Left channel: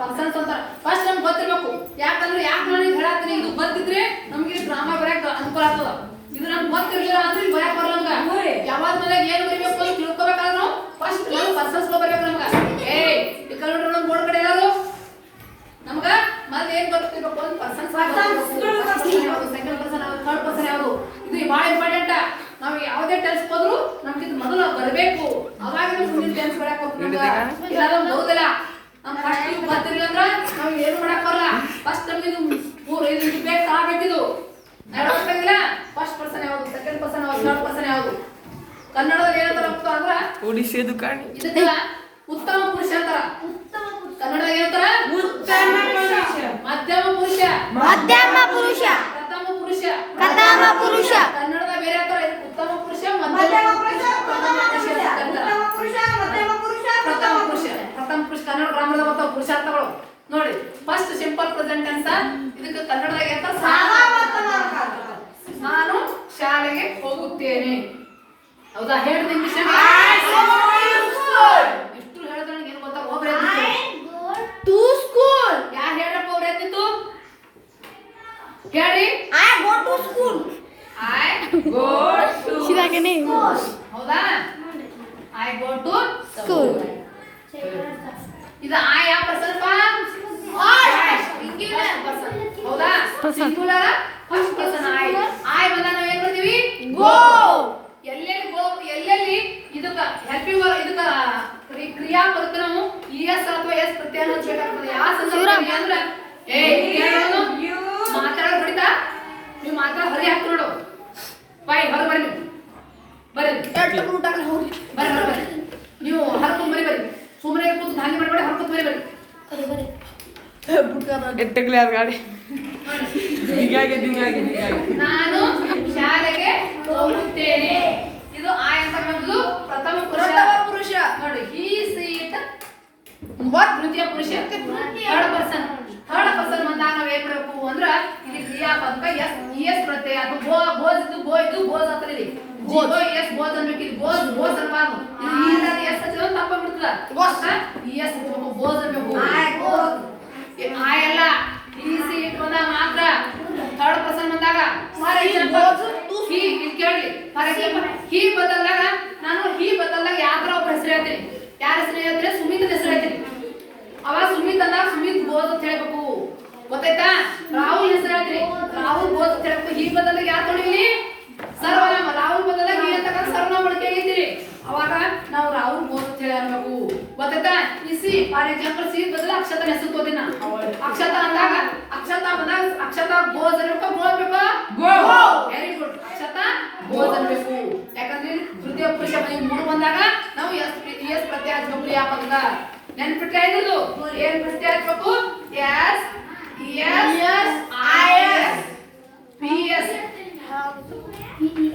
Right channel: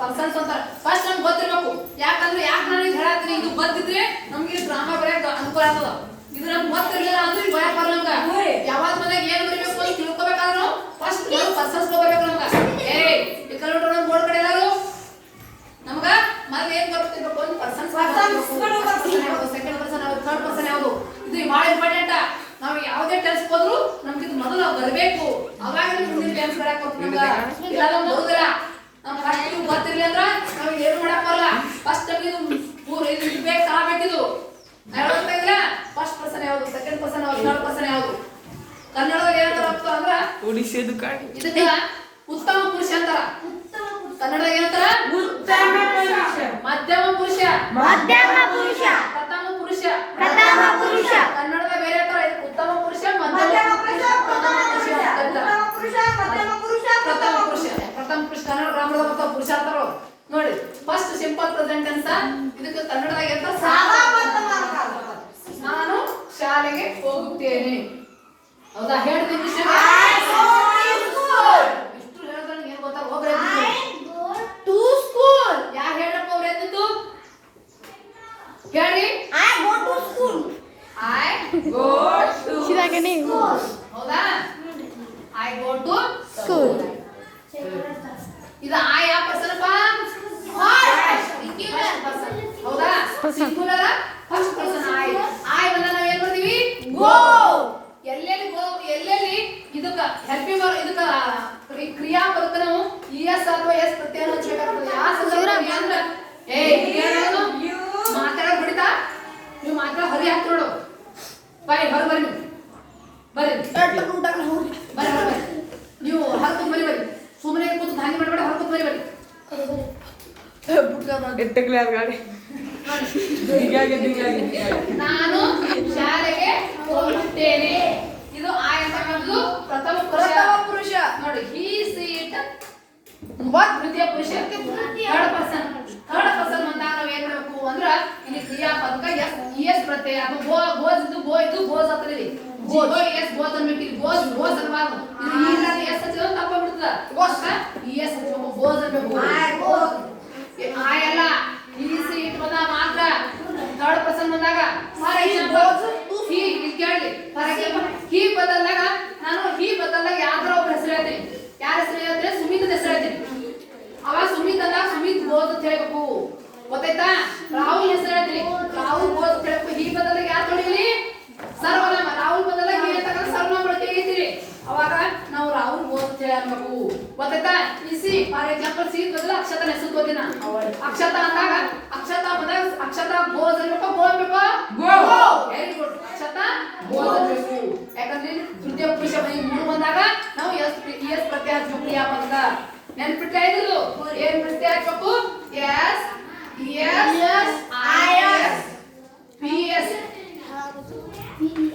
Persons ಅಂತ first ನಮ್ಗೆ ಗೊತ್ತಿರ್ಬೇಕು. ಯಾಕಂದ್ರೆ ನಾನು ಹೇಳತ್ತೀನಿ, ಇದು ಗೊತ್ತಿದ್ರೆ ನಮ್ಗೆ ಗ್ರಾಮರ್ ಬರೆಯಕ್ ಅನುಕೂಲ ಆಗ್ತದ. ಇದು ನಮ್ಗೆ ಗೊತ್ತಿರ್ಲಿಲ್ಲ ಅಂದ್ರೆ ಈಗ ಬರೆಯಕ್ ಬರಲ್ಲ ನಮ್ಗ. ಯಾವಾಗ ಮನೆಯಾಗ ಏನ್ ಬರಿಬೇಕು ಅಂತ ತಿಳ್ಕೊಬೇಕಾದ್ರೆ ನಾವು ಫಸ್ಟ್ ಪರ್ಸನ್ಸ್ ಬರ್ಬೇಕು ನಮ್ಗ. ಈ ಕಲ್ಬಿಟ್ರೆ ನಮ್ ಬೋರ್ಡ್ ಕಡೆ ಎಲ್ಲಾರು ನಮ್ಗ ಮತ್ತೆ ಏನ್ ಬರ್ತಿರ್ಬೇಕು ಅಂತ ಪರ್ಸನ್ಸ್ ಯಾವ್ದು, ಸೆಕೆಂಡ್ ಪರ್ಸನ್ ಯಾವ್ದು, ಥರ್ಡ್ ಪರ್ಸನ್ ಯಾವ್ದು, ಇದು ಬಹಳ ಇಂಪಾರ್ಟೆಂಟ್. ನಾವು ಯಾವುದೇ ಟೆನ್ಸ್ ಹೋದ್ರು ನಮ್ಗೆ ಇದು ಮೊದಲು ಬರಬೇಕು. ಅವಾಗ ನಮ್ಗೆ ಮುಂದಿನ ಟೆನ್ಸ್ ಬರಕ್ ಹೋಗ್ತದೆ. ಇಲ್ಲ ನಮ್ಗೆ ಬರುದಿಲ್ಲ. ನಮ್ ಫಸ್ಟ್ ಇವ್ ಗೊತ್ತಿರ್ಲಿಲ್ಲ ಅಂದ್ರೆ ನಾವ್ ಏನು ಮಾಡಕ್ ಬರಲ್ಲ. ಫಸ್ಟ್ ನಮ್ಗೆ ಇದು ಬೇಕು ಆಗ್ಬೇಕಿದು. ಇಲ್ಲ ಫಸ್ಟ್ ಪರ್ಸನ್ ಯಾವ್ದು, ಸೆಕೆಂಡ್ ಪರ್ಸನ್ ಯಾವ್ದು, ಥರ್ಡ್ ಪರ್ಸನ್ ಯಾವ್ದು. ಕನ್ನಡದಲ್ಲಿ ಏನಂತಾರ ಅಂದ್ರ ಇದಕ್ಕ ಉತ್ತಮ ಪುರುಷ ಅಂತಾರ. ಕನ್ನಡದಾಗ ಏನಂತಾರ? ಮಧ್ಯಮ ಪುರುಷ, ಪ್ರಥಮ ಪುರುಷ. ಕನ್ನಡದಾಗ ಬೇರೆ ಅಂತಾರ. ಉತ್ತಮ ಪುರುಷ, ಮಧ್ಯಮ ಪುರುಷ, ಪ್ರಥಮ ಪುರುಷ. ಕನ್ನಡ ಗ್ರಾಮರ್ದಾಗ ಬರ್ತಾವ ಪುರುಷಾರ್ಥಗಳು ನೋಡಿ. First simple present tense. ಇದಕ್ಕೆ ಕನ್ನಡದಾಗ ಏನಂತ? ನಾನು ಶಾಲೆಗೆ ಹೋಗುತ್ತೇನೆ. ಹೌದಾ? ಹೇಳಿದ ಇಂಗ್ಲಿಷ್ ಇಷ್ಟು ಹೇಳಿದ್ರೆ ಏನ್ ಗೊತ್ತಾ? ಒಬ್ರು ಟು ಸ್ಕೂಲ್. ಯಾರು ಹೇಳಪ್ಪ ಒಬ್ರು ಎದ್ದಿತ್ತು ಹೇಳ್ರಿ? I go to school. ಹೌದಾ? I go to school. ಇದು ಐ ಯಾವ ಪರ್ಸನ್ ಅಪ್ಪ? Singular person. ಹೌದಾ? Singular first person I. I ಬಂದ ನಾವು ಏನ್ ಮಾಡ್ತೀವಿ? ಗೋ. ಎಲ್ಲೆಲ್ಲಿ ಗೋ, ಎಲ್ಲೆಲ್ಲಿ ಇದಕ್ಕ ಹೆಲ್ಪಿಂಗ್ ವರ್ಕ್, ಇದಕ್ಕ ಕ್ರಿಯಾಪದಕ್ಕೆ ನಾವು ಇಎಸ್ ಅಥವಾ ಎಸ್ ಪ್ರತ್ಯಯ ಹಚ್ಚಬೇಕಾಗ್ತದೆ. ಯಾವ ಸಂದರ್ಭದಲ್ಲಿ ಅಂದ್ರೆ ಮಾತಾಡೋದು ಹೊಡಿತಾ ನೀವು ಮಾತಾಡ ಹೊರಿ ಹಾಕಿ ನೋಡು. ಬಾಯ್ ಹೊರ ಬರ್ರಿ ನೀವು ಹರ್ಕೊಂಡ್ ಬರಿ ಸುಮ್ಮನೆ ಕೂತು ಧಾನ್ಯ ಮಾಡಬೇಡ, ಹರ್ಕೊಂಡ್ ಬರಿ ನಾನು ಶಾಲೆಗೆ ಹೋಗುತ್ತೇನೆ. ಇದು ಆಯ್ ಅಂತ ಮೊದಲು ಪ್ರಥಮ ಪುರುಷ ನೋಡಿ. ಹಿ ಸೀಟ್ ದ್ವಿತೀಯ ಪುರುಷ, ಥರ್ಡ್ ಪರ್ಸನ್ ಬಂದಾಗ ನಾವ್ ಏನ್ ಮಾಡಬೇಕು ಅಂದ್ರ ಇಲ್ಲಿ ಕ್ರಿಯಾಪದಕ ಎಸ್ ಪ್ರತ್ಯಯ. ಅದು ಬೋಸ್ ಇದ್ದು ಬೋಸ್ ಹತ್ರ ಇಲ್ಲಿ ಎಸ್ ಬೋಸ್ ಅನ್ಬೇಕು. ಇಲ್ಲಿ ಬೋಸ್ ಅನ್ಬಾರ್ದು. ಇದು ಇಲ್ಲ ಎಸ್ ಹಚ್ಚಿದ್ರೆ ತಪ್ಪ ಬಿಡ್ತದ. ಎಸ್ ಹಚ್ಬೇಕು, ಬೋಸ್ ಅನ್ಬೇಕು. ಆಯಲ್ಲ ಈ ಸೀಟ್ ಬಂದಾಗ ಮಾತ್ರ. ಥರ್ಡ್ ಪರ್ಸನ್ ಬಂದಾಗ ಫಾರ್ ಎಕ್ಸಾಂಪಲ್ ಕೇಳಿ, ಫಾರ್ ಎಕ್ಸಾಂಪಲ್ ಹಿ ಬದಲಾಗ ನಾನು ಯಾವ್ದಾರ ಒಬ್ಬ ಹೆಸರು ಹೇಳ್ತೀನಿ. ಯಾರ ಹೆಸರು ಹೇಳ್ತೀನಿ? ಸುಮಿತ್ ಹೆಸರು ಹೇಳ್ತೀನಿ. ಅವಾಗ ಸುಮಿತ್ ಅಂದಾಗ ಸುಮಿತ್ ಬೋಸ್ ಅಂತ ಹೇಳ್ಬೇಕು. ಗೊತ್ತಾಯ್ತಾ? ರಾಹುಲ್ ಹೆಸರು ಹೇಳ್ತೀನಿ, ರಾಹುಲ್ ಬೋಸ್ ಅಂತ ಹೇಳ್ಬೇಕು. ಹಿ ಬದಲಾಗ ಯಾರು ತೊಡಿಲಿ? ಸರ್ವನಾಮ. ರಾಹುಲ್ ಬದಲಾಗ ಹಿ ಅಂತ ಸರ್ವನಾಮ ಬಳಕೆ ಆಗೈತಿ. ಅವಾಗ ನಾವು ರಾಹುಲ್ ಬೋಸ್ ಅಂತ ಹೇಳಿ ಅನ್ಬೇಕು. ಗೊತ್ತಾಯ್ತಾ? ಈ ಸಿ ಫಾರ್ ಎಕ್ಸಾಂಪಲ್ ಸಿ ಬದಲ ಅಕ್ಷತಾ ಹೆಸರು ತೋದಿನ. ಅಕ್ಷತಾ ಅಂದಾಗ ಅಕ್ಷತಾ ಬೋಸ್ ಅನ್ಬೇಕು. ಗೋ ಅನ್ಬೇಕು. Very good. ಅಕ್ಷತಾ ಬೋಸ್ ಅನ್ಬೇಕು. ಯಾಕಂದ್ರೆ ತೃತೀಯ ಪುರುಷ ಮೂರು ಬಂದಾಗ ನಾವು ಎಸ್ ಪ್ರತ್ಯಯ ಹಚ್ಚಬೇಕು. ಕ್ರಿಯಾಪದಕ ನೆನ್ಪಿಟ್ರೆ ಇದ್ದು ಏನ್ ಪ್ರತ್ಯಯ ಹಚ್ಚಬೇಕು? S i s p s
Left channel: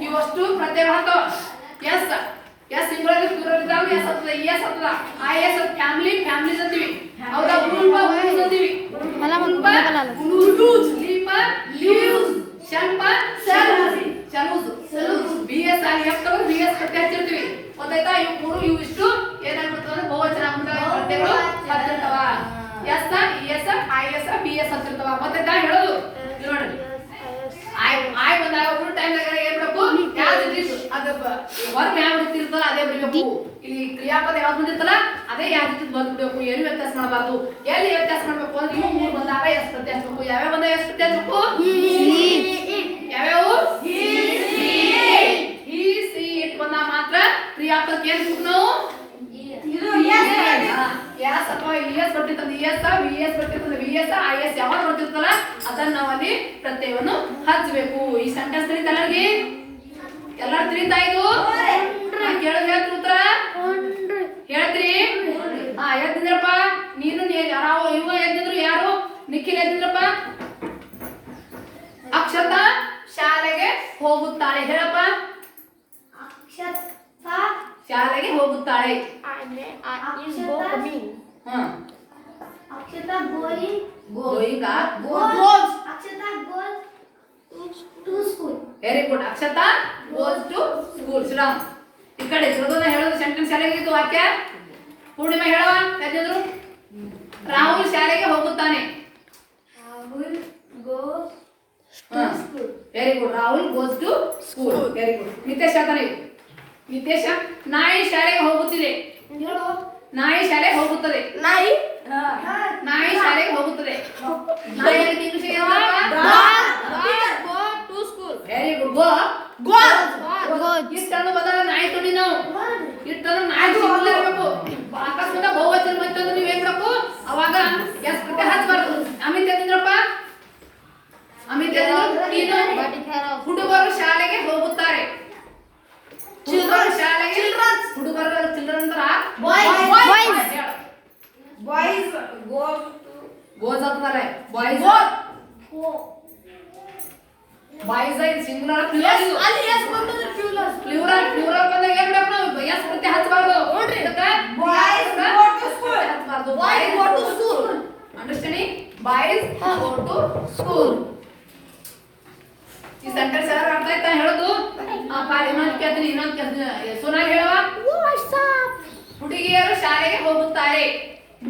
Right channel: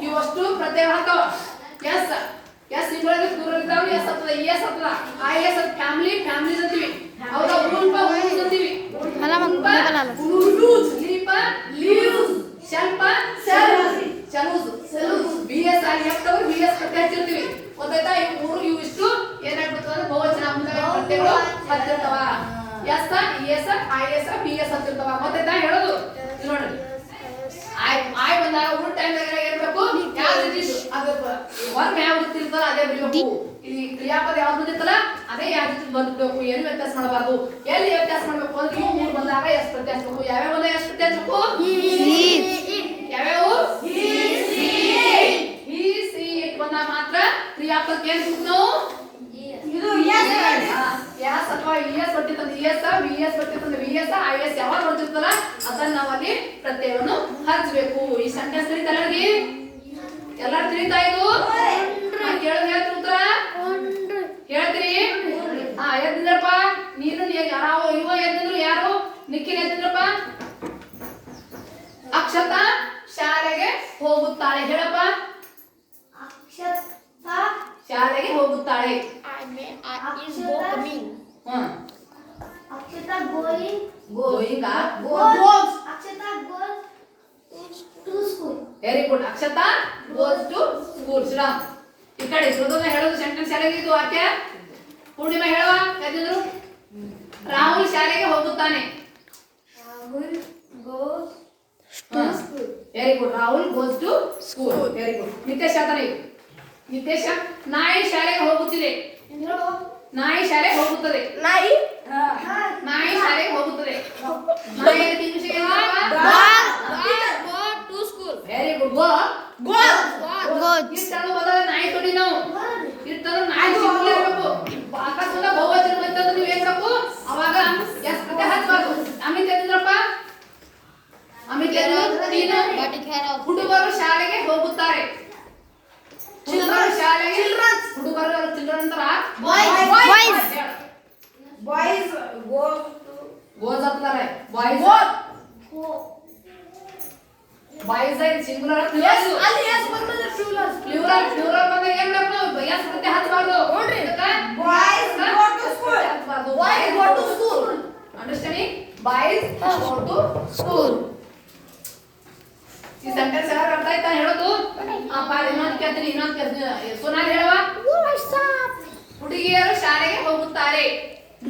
ಇವಷ್ಟು ಪ್ರತ್ಯಯ ಹಾಕೋ. ಎಸ್ ಇಂಗ್ಲಿಷ್ ಪೂರ್ವವಿದ್ದಾವ. ಎಸ್ ಹತ್ತದ, ಎಸ್ ಹತ್ತದ. ಐ ಎಸ್ ಫ್ಯಾಮಿಲಿ ಅಂತೀವಿ. ಹೌದಾ? ಉಳುಪ ಅಂತೀವಿ. Leaves, shelf shelves. B s ಅಲ್ಲಿ ಹಾಕ್ತವ್ರು ಬಿ ಎಸ್ ಪ್ರತ್ಯಯ ಹಚ್ಚಿರ್ತೀವಿ. ಗೊತ್ತಾಯ್ತಾ? ಇವು ಇಷ್ಟು ಏನಾಗ್ಬಿಡ್ತವ ಅಂದ್ರೆ ಬಹುವಚನ ಮುಂದಾಗ ಪ್ರತ್ಯಯಗಳು ಹತ್ತಿರ್ತಾವ. S i s p s ಹತ್ತಿರ್ತಾವ. ಗೊತ್ತಾಯ್ತಾ ಹೇಳೋದು? ನೋಡಿ ಆಯ್ ಬಂದಾಗ ಮೂರು ಟೈಮ್ ಏನ್ ಮಾಡಬೇಕು? ಅದು ವರ್ಕ್ ಯಾವ ರೀತಿ ಇರ್ತಲ್ಲ ಅದೇ ಬರೀಬೇಕು. ಇಲ್ಲಿ ಕ್ರಿಯಾಪದ ಯಾವ್ದು ಬಂದಿರ್ತಲ್ಲ ಅದೇ ಯಾವ ರೀತಿ ಬಂದ್ಬಿಡ್ಬೇಕು. ಏನು ವ್ಯತ್ಯಾಸ ಮಾಡಬಾರ್ದು. ಎಲ್ಲಿ ವ್ಯತ್ಯಾಸ ಮಾಡ್ಬೇಕು ಅಂದ್ರೆ ಇವು ಮೂರು ಬಂದಾಗ ಎಷ್ಟು ಪ್ರತ್ಯಯ ಹಚ್ಬೇಕು. ಯಾವ್ಯಾವ ಬಂದಾಗ ಎಷ್ಟು ಪ್ರತ್ಯಯ ಹಚ್ಬೇಕು? ಯಾವ್ಯಾವು? ಹಿ ಸಿ ಇಟ್ ಬಂದಾಗ ಮಾತ್ರ ಕ್ರಿಯಾಪದಕ್ಕೆ ಏನ್ ನಾವು ಎಸ್ ಅಥವಾ ಇಎಸ್ ಬರ್ತಿರ್ತಂದ್ರೆ ಇಎಸ್, ವಿಎಸ್ ಬರ್ತಿರ್ತಂದ್ರೆ ವಿಎಸ್, ಐಎಸ್ ಯಾವಾಗ ಬರ್ತಿರ್ತಲ್ಲ ಅದನ್ನ ನಾವಲ್ಲಿ ಪ್ರತ್ಯಯವನ್ನು ಹಚ್ಚಬೇಕು. ಈ ಸೆಂಟೆನ್ಸ್ ತಿಳಿತ ಎಲ್ಲರೂ ತಿಳಿತಾ ಇದು? ಕೇಳಿದ್ರೆ ಹೇಳ್ತೀರಿ ಉತ್ತರ ಹೇಳ್ತೀರಿ? ಎದ್ದಿದ್ರಪ್ಪ ನೀನು ಇವ ಎದ್ದಿದ್ರು ಯಾರು? ನಿಖಿಲ್ ಎದ್ದಿದ್ರಪ್ಪ. ಅಕ್ಷತಾ ಶಾಲೆಗೆ ಹೋಗುತ್ತಾಳೆ. ಹೇಳಪ್ಪ. ಶಾಲೆಗೆ ಹೋಗುತ್ತಾಳೆ. Very good. Akshata goes to school. Shriram ಈ ಕಡೆ ಹೇಳೋದು ಸೆಂಟೆನ್ಸ್ ಶಾಲೆಗೆ ಇದು ವಾಕ್ಯ. ಪೂರ್ಣಿಮಾ ಹೇಳುವ ಎದ್ದಿದ್ರು ರಾಹುಲ್ ಶಾಲೆಗೆ ಹೋಗುತ್ತಾನೆ. Very good. Rahul goes to school. Very good. Nitesh ಹೇಳ್ತಾನೆ. ನಿತೇಶ ನಾಯಿ ಶಾಲೆಗೆ ಹೋಗುತ್ತಿದೆ. ನಾಯಿ ಶಾಲೆಗೆ ಹೋಗುತ್ತದೆ. ನಾಯಿ ಶಾಲೆಗೆ ಹೋಗುತ್ತದೆ. ನಾಯಿ English go to school. Very good. Go ಇಷ್ಟನ್ನು ಬದಲ ನಾಯಿ ತೊಡಿ ನಾವು ಇಷ್ಟನ್ನು ನಾಯಿ ಸಿಂಗುಲರ್ ಇರಬೇಕು. ಅಕಸ್ಮಾತ್ ಬಹುವಚನ ಬಂತಂದ್ರೆ ನೀವು ಏನ್ ಮಾಡಬೇಕು ಅವಾಗ ಎಸ್ ಪ್ರತಿ ಹಚ್ಚಬಾರ್ದು. ಅಮಿತ್ ಎದ್ರಪ್ಪ ಅಮಿತ್ ನೀನು ಹುಡುಗರು ಶಾಲೆಗೆ ಹೋಗುತ್ತಾರೆ. ಹುಡುಗರು ಶಾಲೆಗೆ ಹುಡುಗರು ಚಿಲ್ಡ್ರನ್ ಅಂತಾರ ಬಾಯ್ಸ್ ಗೋಸ್ ಅಂತಾರೆ. ಬಾಯ್ಸ್ ಬಾಯ್ಸ್ ಐದು ಸಿಂಗುಲರ್ ಪ್ಲೂರಲ್ ಬಂದಾಗ ಏನ್ ಮಾಡಬೇಕು ನಾವು ಎಸ್ ಪ್ರತಿ ಹಚ್ಚಬಾರ್ದು. Understanding? Boys go to school. ಈ ಸೆಂಟೆನ್ಸ್ ಯಾರು ಅರ್ಥ ಆಯ್ತಾ ಹೇಳೋದು? ಇನ್ನೊಂದು ಕೇಳ್ತೀನಿ. ಸೋನಾಲಿ ಹೇಳವ. ಹುಡುಗಿಯರು ಶಾಲೆಗೆ ಹೋಗುತ್ತಾರೆ.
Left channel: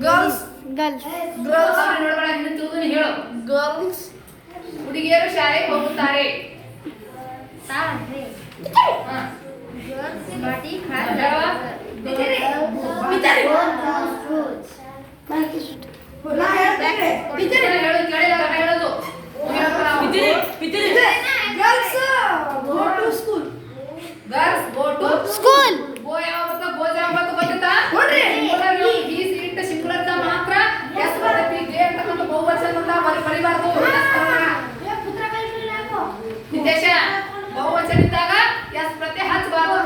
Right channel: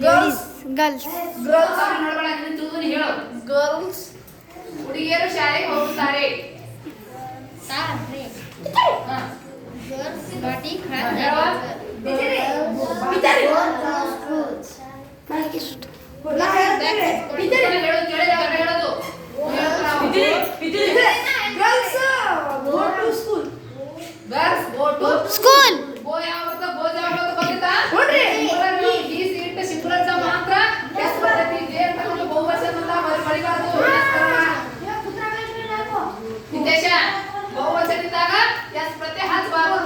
ಗರ್ಲ್ಸ್ ನೋಡಬೇಡ, ನಿನ್ನ ತಿಳಿದು ಹೇಳು. ಗರ್ಲ್ಸ್ ಹುಡುಗಿಯರು ಶಾಲೆಗೆ ಹೋಗುತ್ತಾರೆ. ಹೇಳೋದು Girls go to school. Go ಯಾವ ಬರ್ತದೆ? ಗೋಸ್ ಯಾವ ಬರ್ತದೆ ಗೊತ್ತಾ? ನೋಡ್ರಿ ಈ ಸೀಟ್ ಸಿಂಗುಲರ್ ದ ಮಾತ್ರ ಎಸ್ ಬರ್ತೈತಿ. ಜೆ ಅಂತಕ್ಕಂಥ ಬಹುವಚನ ಅಂತ ಬರಿಬಾರ್ದು. ನಿತೇಶ ಬಹುವಚನ ಇದ್ದಾಗ ಎಸ್ ಪ್ರತ್ಯಯ ಹಚ್ಚಬಾರ್ದು.